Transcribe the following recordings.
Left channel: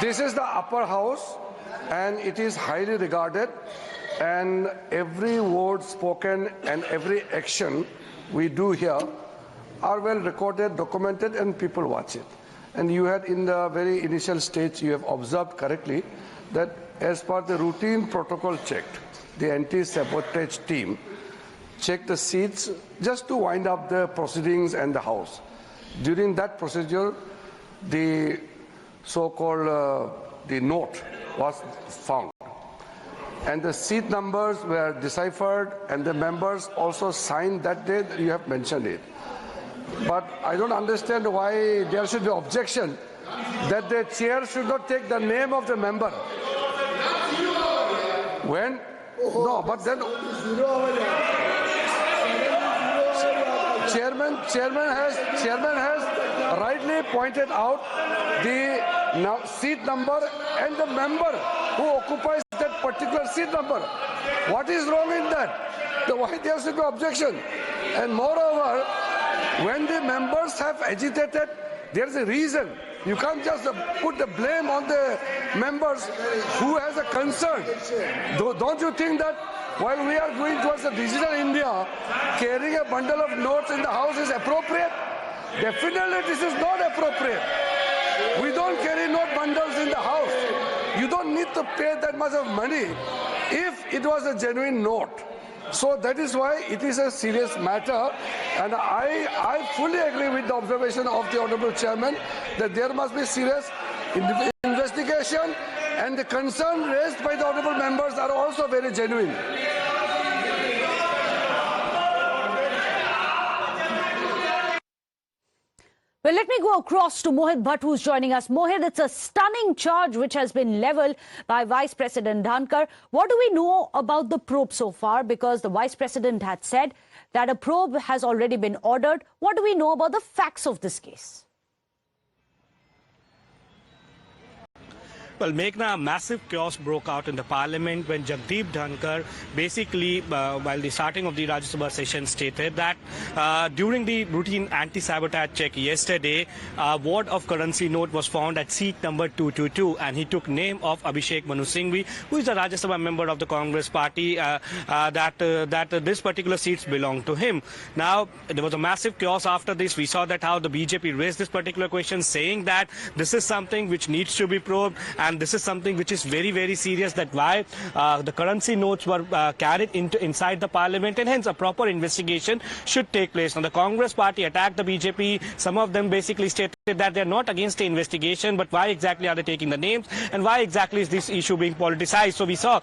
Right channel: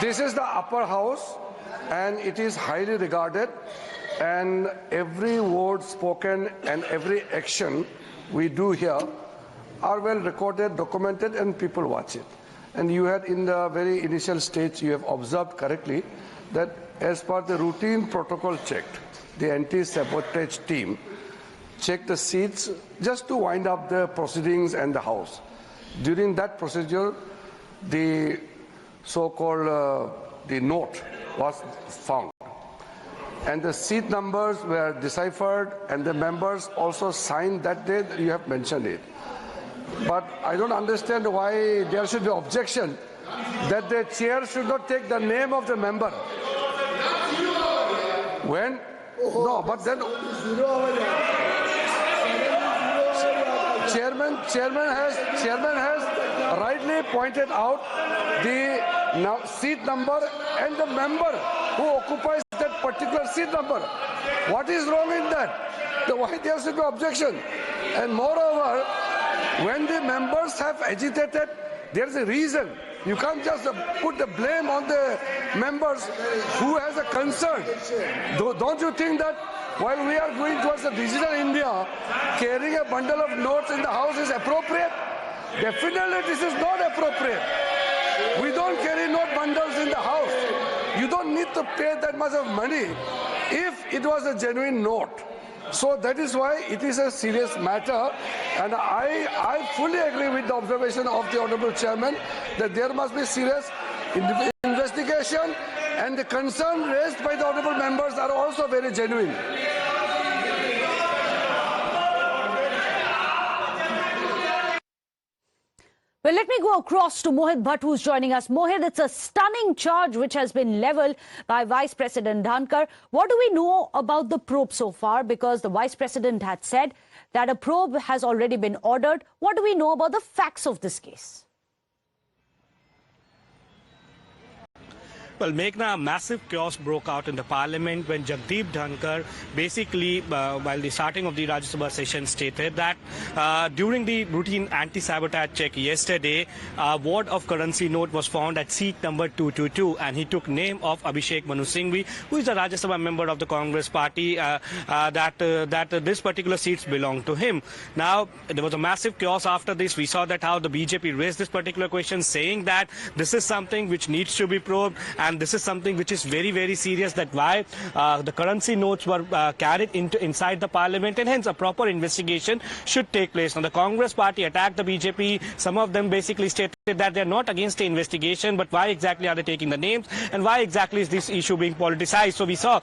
This is the upper house and it is highly regarded, and every word spoken and every action we do here are well recorded, documented, and people watch it. And you had in the very initial stage, you have observed correctly that as per the routine protocol checked, the anti-sabotage team checked the seats just to wind up the proceedings and the house. During that procedure, the so-called the note was found. And the seat numbers were deciphered and the members also signed that day. You have mentioned it. But I don't understand why there should be objection that the chair should not take the name of the member. When? No, but then chairman has rightly pointed out the seat number and the member who occupies that particular seat number. What is wrong in that? Why there should be objection? And moreover, when the members have agitated, there is a reason. You can't just put the blame on the members who has a concern. Don't you think that while we are going towards a digital India, carrying a bundle of notes in the house is appropriate? Definitely this is not appropriate. We don't carry note bundles in the house. You don't need to pay that much of money if it was a genuine note. So that is why it is a serious matter, and I fully agree with the observation of the Honourable Chairman that there must be serious investigation, and the concern raised by the Honourable members are also very genuine. Well, let me go across to Mohit Bhatt, who's joining us. Mohit, it's a stunning charge which has been levelled by Vice President Dhankar. What do we know about the probe so far? Because the Vice President had said that a probe has already been ordered. What do we know about the facts of this case? Well, Meghna, a massive chaos broke out in the parliament when Jagdeep Dhankar basically, while the starting of the Rajya Sabha session, stated that during the routine anti-sabotage check yesterday, a wad of currency note was found at seat number 222, and he took name of Abhishek Manu Singhvi, who is a Rajya Sabha member of the Congress party, that this particular seats belong to him. Now, there was a massive chaos after this. We saw that how the BJP raised this particular question, saying that this is something which needs to be probed, and this is something which is very, very serious, that why the currency notes were carried inside the parliament, and hence a proper investigation should take place. Now, the Congress party attacked the BJP. Some of them basically stated that they're not against the investigation, but why exactly are they taking the names, and why exactly is this issue being politicized? So we saw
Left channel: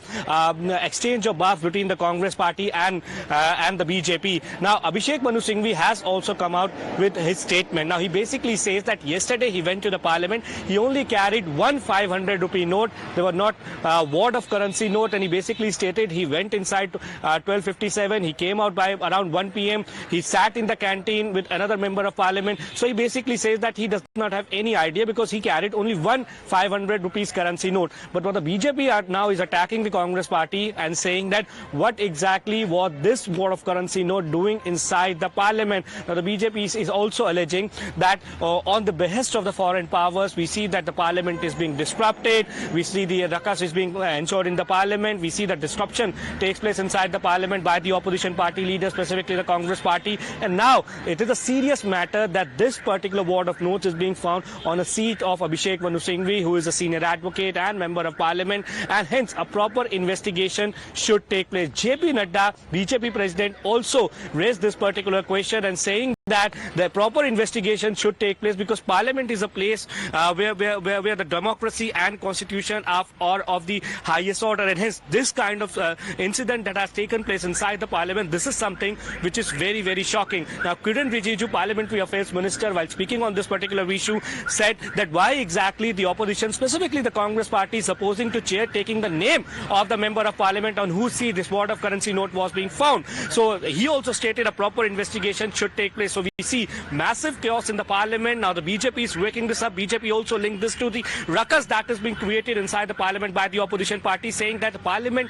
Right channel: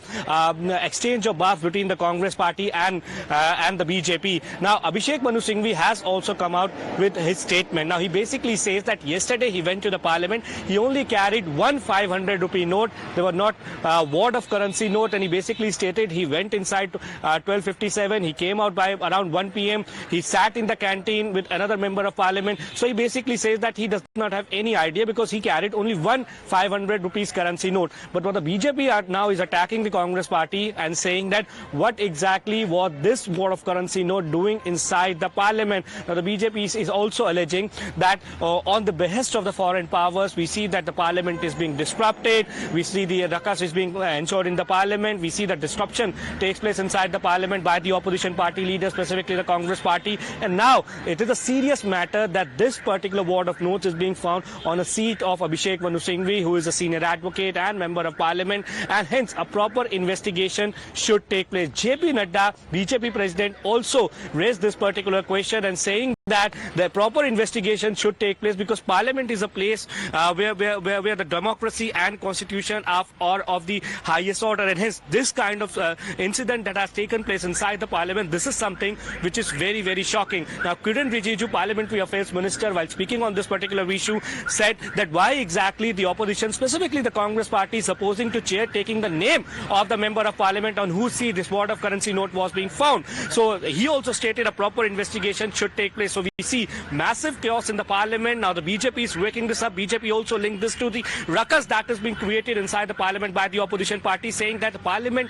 exchange of barbs between the Congress party and the BJP. Now, Abhishek Manu Singhvi has also come out with his statement. Now, he basically says that yesterday he went to the parliament. He only carried one 500 rupee note. There were not a wad of currency note, and he basically stated he went inside 12:57. He came out by around 1 p.m. He sat in the canteen with another member of parliament. So he basically says that he does not have any idea because he carried only one 500 rupees currency note. But what the BJP now is attacking the Congress party and saying that what exactly was this wad of currency note doing inside the parliament. Now, the BJP is also alleging that on the behest of the foreign powers, we see that the parliament is being disrupted. We see the ruckus is being ensured in the parliament. We see that disruption takes place inside the parliament by the opposition party leaders, specifically the Congress party. And now it is a serious matter that this particular wad of notes is being found on a seat of Abhishek Manu Singhvi, who is a senior advocate and member of parliament, and hence a proper investigation should take place. JP Nadda, BJP president, also raised this particular question and saying that the proper investigation should take place because parliament is a place where the democracy and constitution are of the highest order, and hence this kind of incident that has taken place inside the parliament, this is something which is very, very shocking. Now, Kiran Rijiju, Parliamentary Affairs Minister, while speaking on this particular issue, said that why exactly the opposition, specifically the Congress party, is opposing to chair taking the name of the member of parliament on whose seat this wad of currency note was being found. So he also stated a proper investigation should take place. So we see massive chaos in the parliament. Now the BJP is waking this up. BJP also linked this to the ruckus that is being created inside the parliament by the opposition party, saying that the parliament,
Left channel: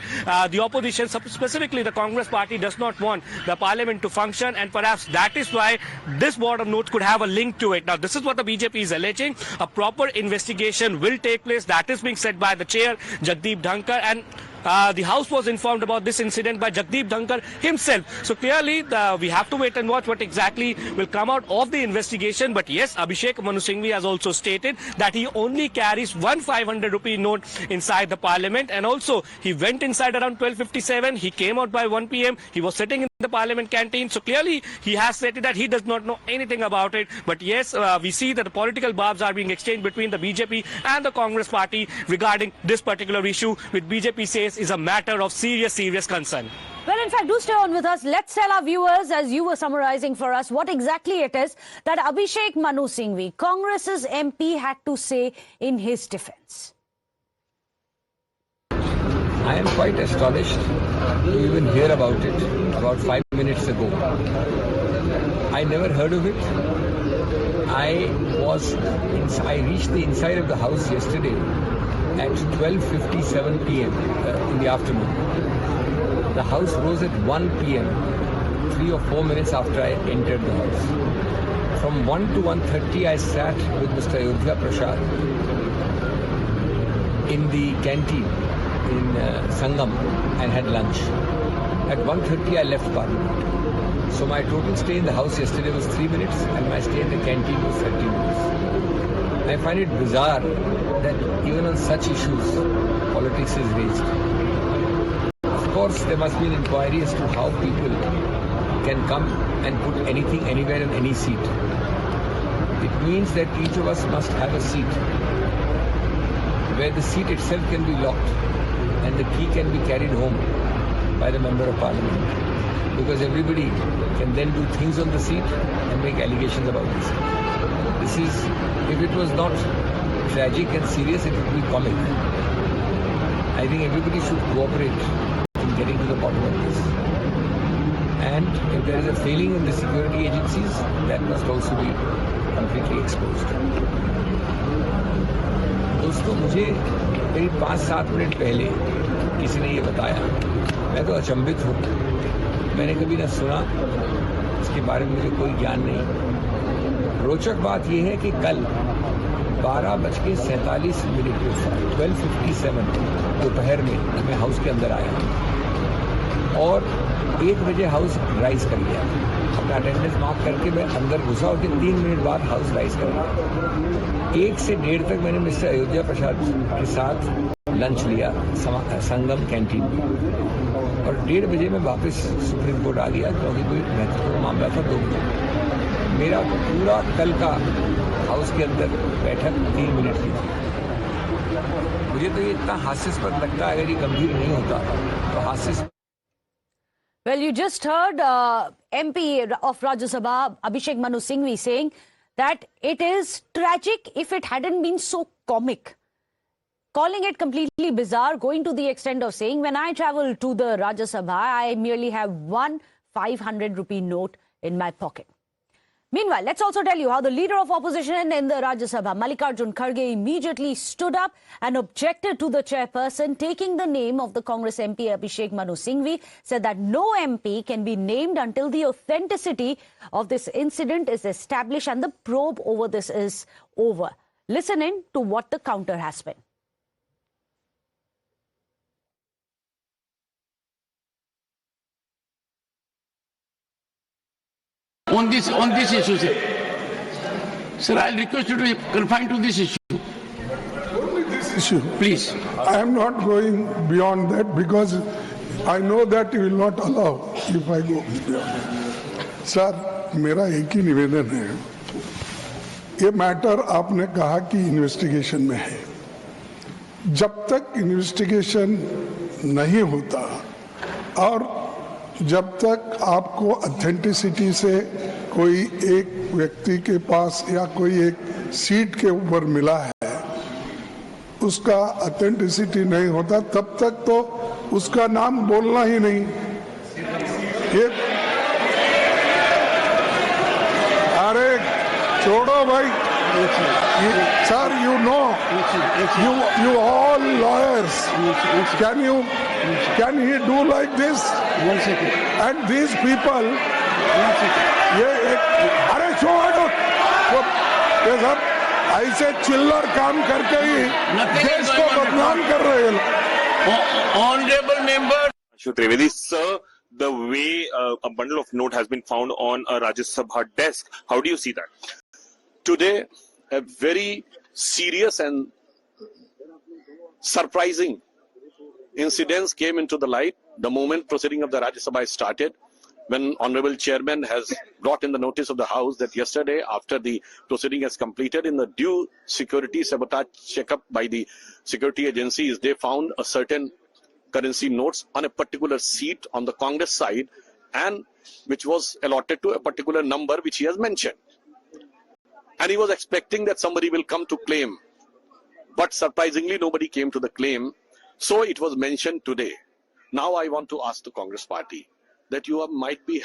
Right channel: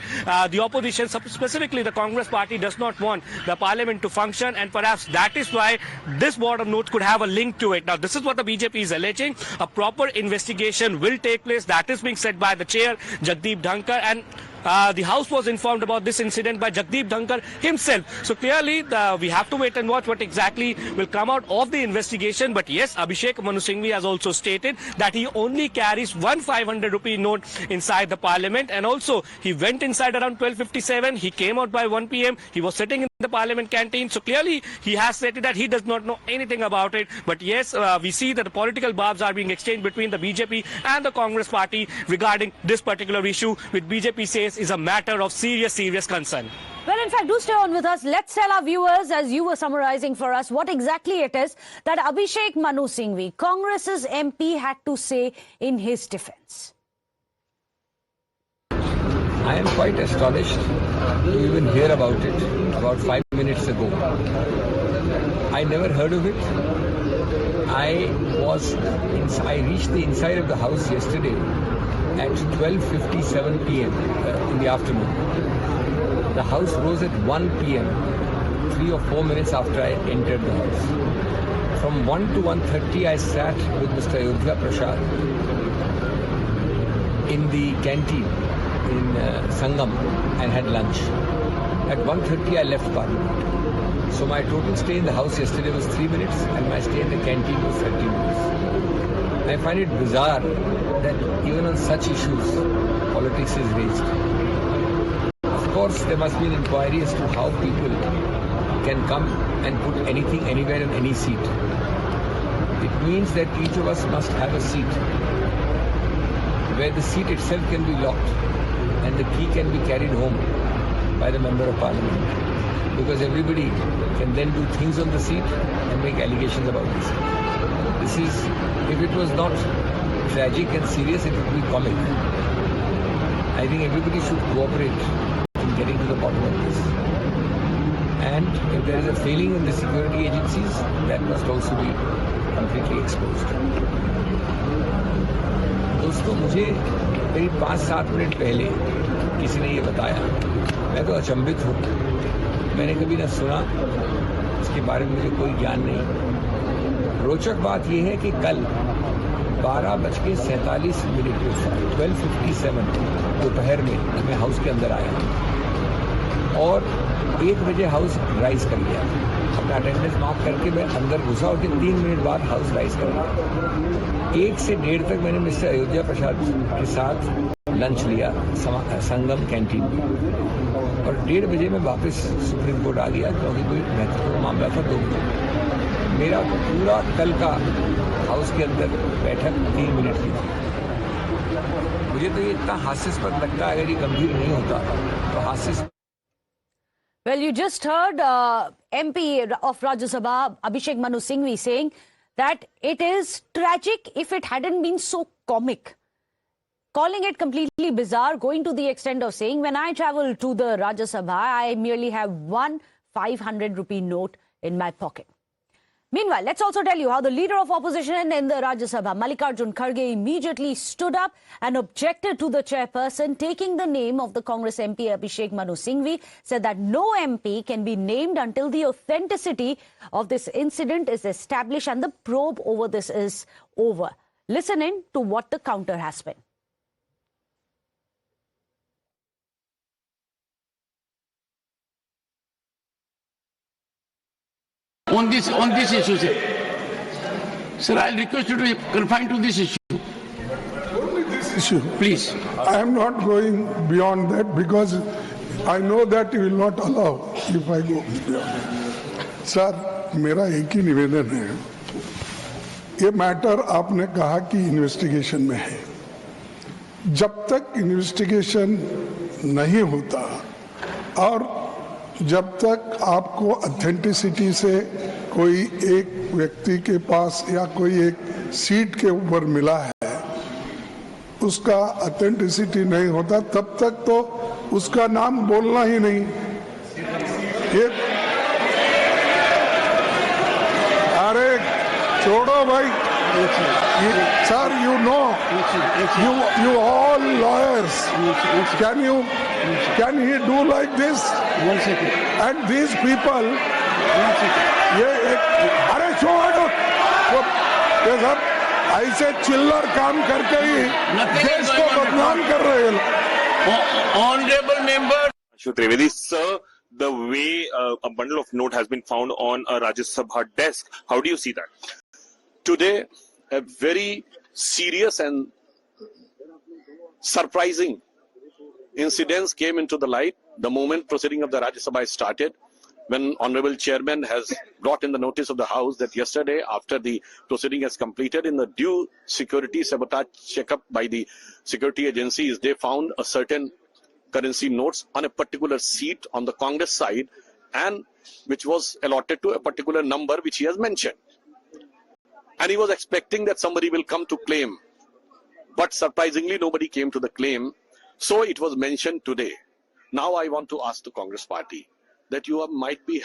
the opposition, specifically the Congress party, does not want the parliament to function, and perhaps that is why this board of notes could have a link to it. Now this is what the BJP is alleging. A proper investigation will take place. That is being said by the chair, Jagdeep Dhankar, and the House was informed about this incident by Jagdeep Dhankar himself. So clearly, we have to wait and watch what exactly will come out of the investigation. But yes, Abhishek Manu Singhvi has also stated that he only carries one 500 rupee note inside the parliament, and also he went inside around 12:57. He came out by 1 p.m. He was sitting in the parliament canteen. So clearly, he has stated that he does not know anything about it. But yes, we see that the political barbs are being exchanged between the BJP and the Congress party regarding this particular issue, which BJP says is a matter of serious concern. Well, in fact, do stay on with us. Let's tell our viewers, as you were summarizing for us, what exactly it is that Abhishek Manu Singhvi, Congress's MP, had to say in his defense. I am quite astonished to even hear about it about 5 minutes ago. I never heard of it. I reached the inside of the house yesterday at 12:57 p.m. In the afternoon. The house rose at 1 p.m., 3 or 4 minutes after I entered the house. From 1 to 1:30 I sat with Mr. Ayodhya Prasad in the canteen in Sangam and had lunch. At 1:30 I left Parliament. So my total stay in the house yesterday was 3 minutes and my stay in the canteen was 30 minutes. I find it bizarre that even on such issues, politics is raised. Of course, there must be an inquiry as to how people can come and put anything anywhere in any seat. It means that each of us must have a seat where the seat itself can be locked and the key can be carried home by the Member of Parliament. Because everybody can then do things on the seat and make allegations about the seat. This is, if it was not tragic and serious, it would be comic. I think everybody should cooperate in getting to the bottom of this. And if there is a failing in the security agencies, that must also be completely exposed. दोस्तों, मुझे करीब 5-7 minute पहले किसी ने ये बताया. मैं तो अचंभित हूँ. मैंने कभी न सुना, इसके बारे में मुझे कोई ज्ञान नहीं. रोचक बात यह है कि कल 12:47 12:57 दोपहर में मैं हाउस के अंदर आया और 1 बजे हाउस राइज कर लिया. अपना अटेंडेंस मार्क करके मैं अंदर घुसा और 3 मिनट बाद हाउस राइज कर लिया. 1 से 1:30 तक मैंने मिस्टर अयोध्या प्रसाद के साथ लंच लिया संगम कैंटीन में और 1:30 बजे मैं वापस सुप्रीम कोर्ट आ गया क्योंकि कोई महत्वपूर्ण मामला था. 2 मिनट मेरा पूरा कल का हाउस के अंदर बैठक 3 मिनट की. मुझे तो ये इतना हास्यास्पद लगता है. अगर ये गंभीर नहीं होता तो हास्यास्पद. Well, you just heard MP of Rajya Sabha, Abhishek Manu Singhvi, saying that it is tragic if it hadn't been so comic. Calling it completely bizarre, going to the extent of saying, when I travel to the Rajya Sabha, I merely have one 500 rupee note in my pocket. Meanwhile, let's also tell you how the leader of opposition in the Rajya Sabha, Mallikarjun Kharge, immediately stood up and objected to the chairperson taking the name of the Congress MP Abhishek Manu Singhvi, said that no MP can be named until the authenticity of this incident is established and the probe over this is over. Listen in to what the counter has been. On this issue, sir, I'll request you to confine to this issue. Only this issue, please. I am not going beyond that because I know that you will not allow if I go beyond. Sir, मेरा एक ही निवेदन है. ये matter आपने कहा कि investigation में है. जब तक इन्वेस्टिगेशन नहीं होता और जब तक आपको ऑथेंटिसिटी से कोई एक व्यक्ति के पास या कोई एक सीट के ऊपर मिला है, उसका ऑथेंटिसिटी नहीं होता, तब तक तो उसका नाम बोलना ही नहीं. छोड़ो भाई. Sir, you know, you all lawyers. Can he do like this? And these people, अरे छोड़ो, ये सब ऐसे चिल्लर काम करके ही देश को बदनाम कर रहे हैं. Honorable member. Trivedi, sir, the way a bundle of note has been found on a Rajya Sabha desk, how do you see that? Today, a very serious and surprising incidents came into the light the moment proceeding of the Rajya Sabha started, when Honorable Chairman has brought in the notice of the House that yesterday, after the proceeding has completed, in the due security sabotage checkup by the security agencies, they found a certain currency notes on a particular seat on the Congress side, and which was allotted to a particular number which he has mentioned. And he was expecting that somebody will come to claim. But surprisingly, nobody came to the claim. So it was mentioned today. Now I want to ask the Congress party that you will be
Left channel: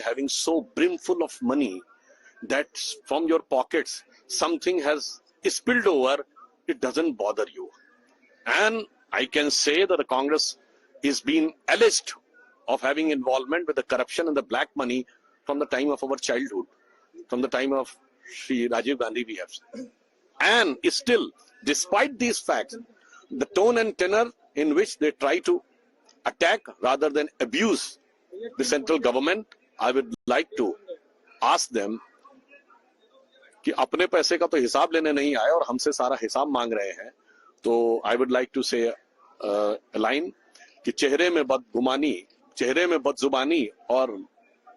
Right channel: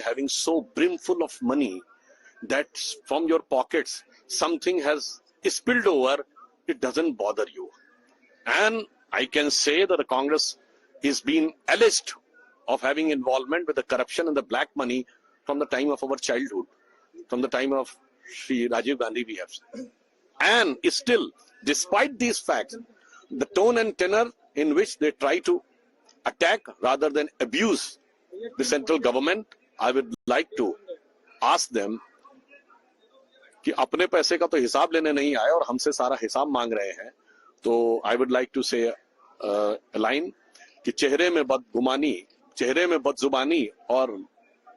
having so brimful of money that from your pockets something has spilled over, it doesn't bother you. And I can say that the Congress is being alleged of having involvement with the corruption and the black money from the time of our childhood, from the time of Shri Rajiv Gandhi we have. And still, despite these facts, the tone and tenor in which they try to attack rather than abuse the central government, I would like to ask them कि अपने पैसे का तो हिसाब लेने नहीं आए और हमसे सारा हिसाब मांग रहे हैं. तो I would like to say a line कि चेहरे में बदजुबानी और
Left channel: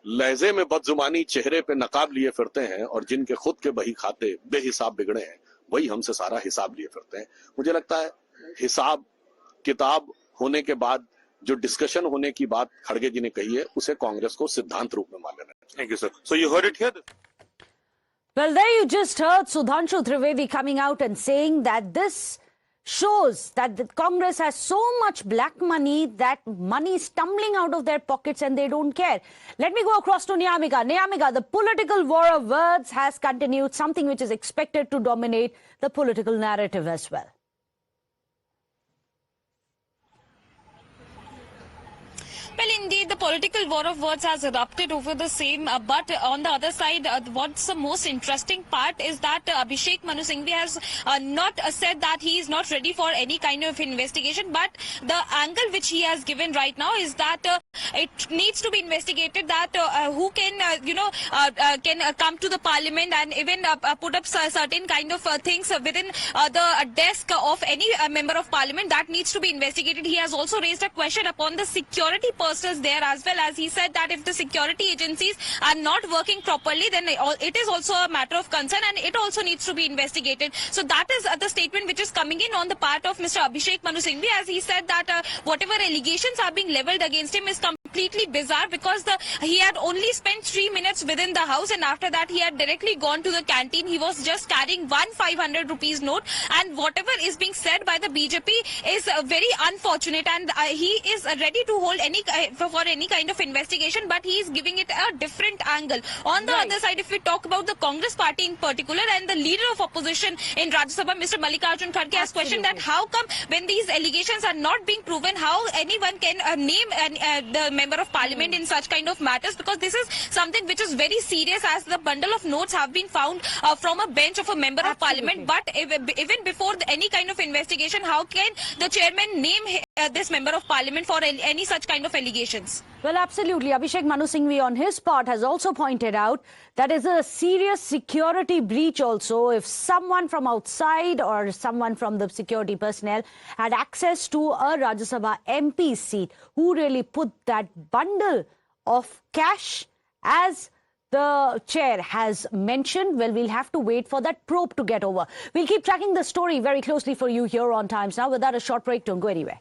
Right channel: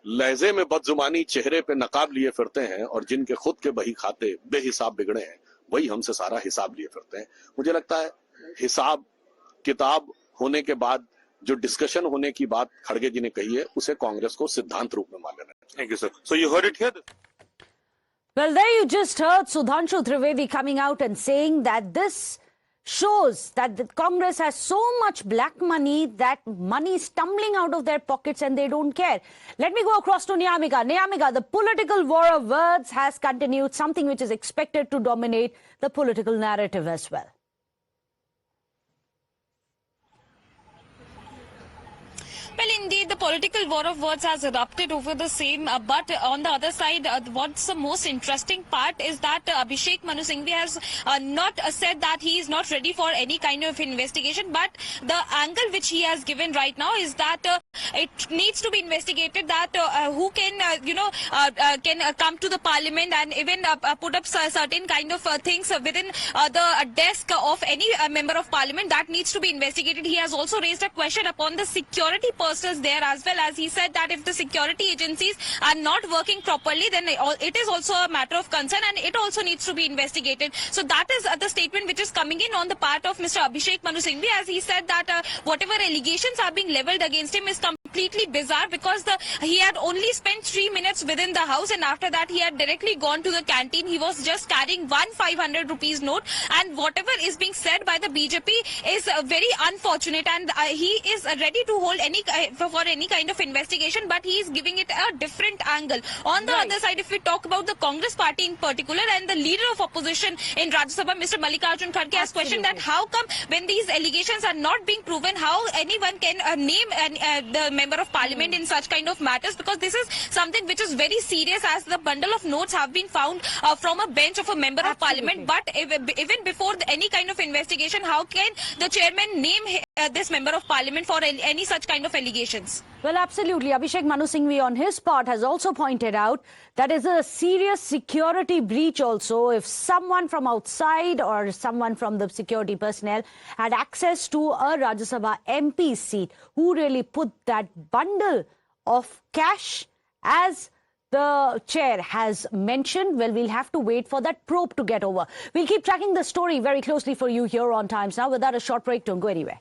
लहजे में बदजुबानी चेहरे पे नकाब लिए फिरते हैं, और जिनके खुद के बही खाते बेहिसाब बिगड़े हैं वही हमसे सारा हिसाब लिए फिरते हैं. मुझे लगता है हिसाब किताब होने के बाद जो डिस्कशन होने की बात खड़गे जी ने कही है, उसे कांग्रेस को सिद्धांत रूप में मान लेना है. Thank you, sir. So you heard it here. Well, there you just heard Sudhanshu Trivedi coming out and saying that this shows that the Congress has so much black money that money is tumbling out of their pockets and they don't care. Let me go across to Niyamika. Niyamika, the political war of words has continued, something which is expected to dominate the political narrative as well. Well, indeed, the political war of words has erupted over the same. But on the other side, what's the most interesting part is that Abhishek Manu Singhvi has not said that he is not ready for any kind of investigation. But the angle which he has given right now is that it needs to be investigated that who can, can come to the parliament and even put up certain kind of things within the desk of any member of parliament. That needs to be investigated. He has also raised a question upon the security persons there, as well as he said that if the security agencies are not working properly, then it is also a matter of concern and it also needs to be investigated. So that is the statement which is coming in on the part of Mr. Abhishek Manu Singhvi, as he said that whatever allegations are being levelled against him is completely bizarre, because he had only spent 3 minutes within the house, and after that he had directly gone to the canteen. He was just carrying one 500 rupees note, and whatever is being said by the BJP is very unfortunate, and he is ready to hold for any kind of investigation, but he is giving it a different angle. On the other side, if we talk about the Congress party in particular and the leader of opposition in Rajya Sabha, Mr. Mallikarjun Kharge, has questioned that how come when these allegations are not being proven, how anyone can name the member of parliament in such kind of matters, because this is something which is very serious, as the bundle of notes have been found from a bench of a member of parliament. But even before any kind of investigation, how can the chairman name this member of parliament for any such kind of allegations? Well, absolutely. Abhishek Manu Singhvi on his part has also pointed out that is a serious security breach also if someone from outside or someone from the security personnel had access to a Rajya Sabha MP seat. Who really put that bundle of cash, as the chair has mentioned? Well, we'll have to wait for that probe to get over. We'll keep tracking the story very closely for you here on Times Now. Without a short break, don't go anywhere.